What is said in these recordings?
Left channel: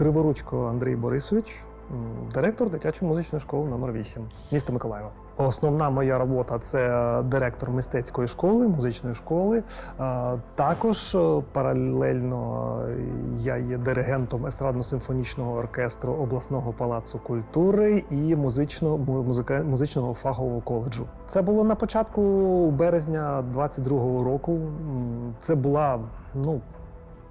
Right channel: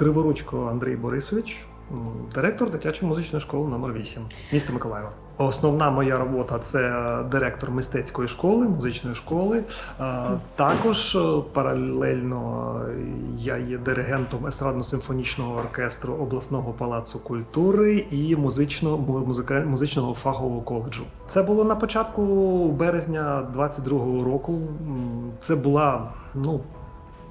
Криворучко Андрій Борисович, директор дитячої музичної школи номер 8 міста Миколаєва. Основна моя робота це директор мистецької школи, музичної школи. Е, Також е, паралельно я є диригентом естрадно-симфонічного оркестру обласного палацу культури і музичного музичного фахового коледжу. Це було на початку березня 22-го року. Це була ну.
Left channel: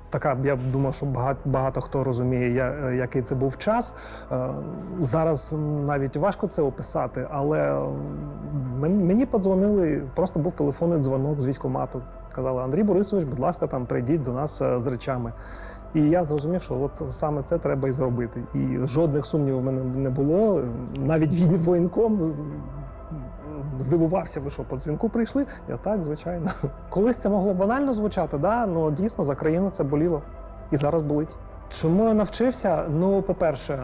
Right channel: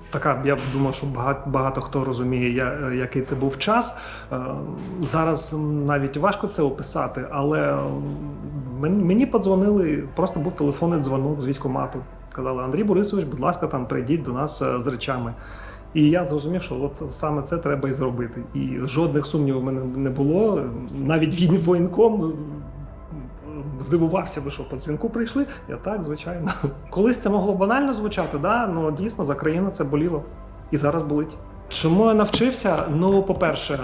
Така, я думаю, що багато, багато хто розуміє, я- який це був час. Е, Зараз навіть важко це описати, але мені, подзвонили, просто був телефонний дзвонок з військкомату. Казали, Андрій Борисович, будь ласка, там прийдіть до нас е, з речами. І я зрозумів, що от саме це треба і зробити. І жодних сумнівів в мене не було. Навіть він воєнком здивувався, ви що по дзвінку прийшли. Я так, звичайно. Колись це могло банально звучати, да? але дійсно за країну це боліло і зараз болить. Чому я навчився? Ну, по-перше, е,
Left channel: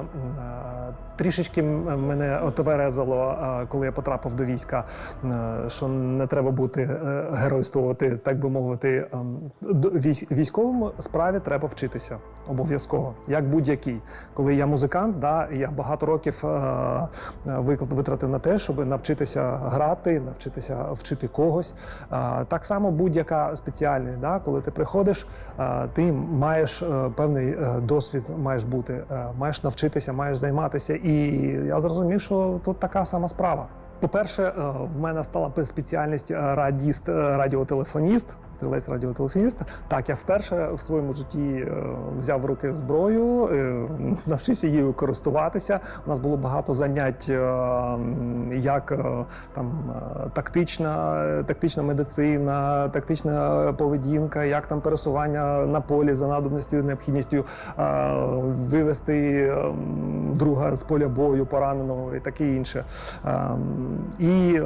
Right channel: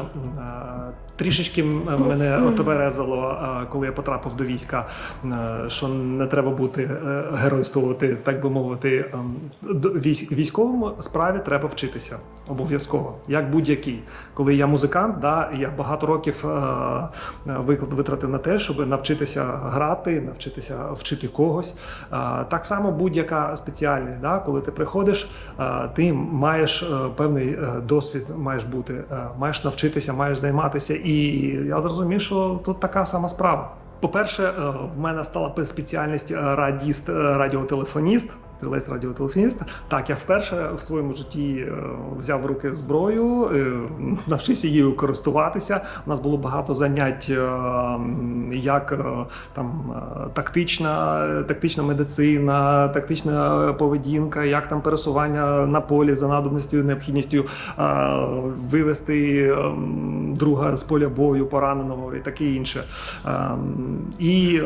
трішечки мене отверезило, е, коли я потрапив до війська, е, що не треба бути е, геройствувати, так би мовити. ем, військ- Військовому справі треба вчитися обов'язково, як будь-який. Коли я музикант, да, я багато років виклад витратив на те, щоб навчитися грати, навчитися вчити когось. Так само будь-яка спеціальність, да, коли ти приходиш, ти маєш певний досвід, маєш бути, маєш навчитися, маєш займатися. І я зрозумів, що тут така сама справа. По-перше, е, в мене стала спеціальність е, радіст, е, радіотелефоніст. Стрілець радіотелефоніст. Так, я вперше в своєму житті взяв в руки зброю, навчився її користуватися. У нас було багато занять, як там тактична, тактична медицина, тактична поведінка, як там пересування на полі за надобністю, необхідністю вивести ем, друга з поля бою пораненого і таке інше. Ем, І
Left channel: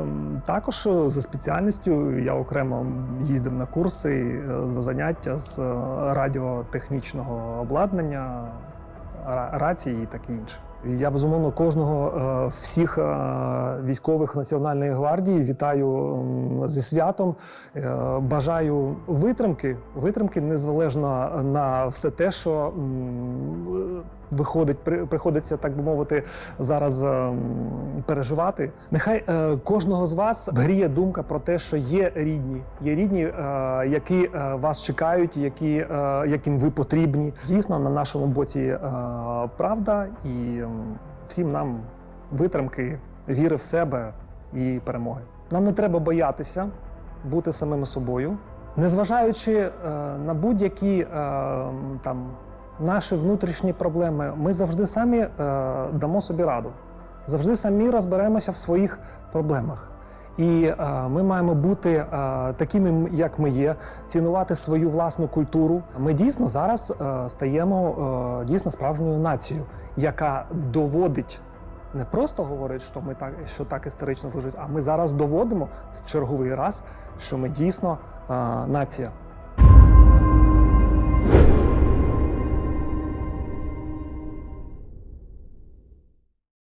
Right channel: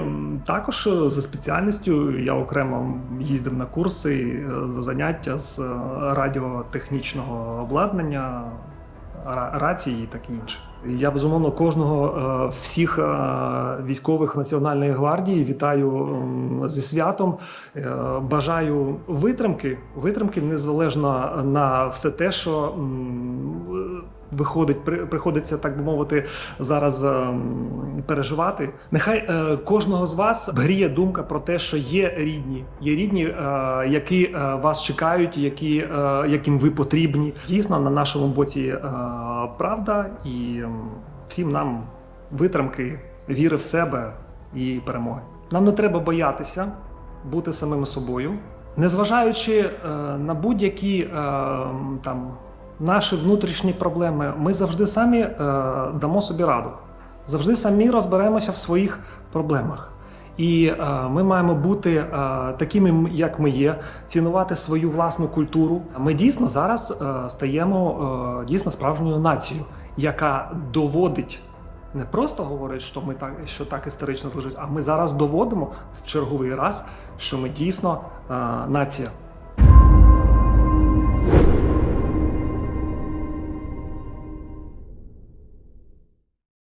також за спеціальністю я окремо їздив на курси е, за заняття з е, радіотехнічного обладнання, рації і таке інше. Я безумовно кожного е, всіх військових Національної гвардії вітаю зі святом. Бажаю витримки, витримки незалежно на все те, що виходить, при- приходиться, так би мовити, зараз ем, переживати. Нехай е, кожного з вас гріє думка про те, що є рідні, є рідні, е, які е, вас чекають, які, е, яким ви потрібні. Дійсно, на нашому боці е, правда, і ем, всім нам витримки, віри в себе і перемоги. Нам не треба боятися бути самими собою, незважаючи е, на будь-які е, там наші внутрішні проблеми, ми завжди самі е, дамо собі раду. Завжди самі розберемося в своїх проблемах. І е, ми маємо бути е, такими, як ми є, цінувати свою власну культуру. Ми дійсно зараз е, стаємо е, дійсно справжньою нацією, яка доводить. Не просто говорить, що ми так, що так історично зложить, а ми зараз доводимо в черговий раз, що ми дійсно е, нація.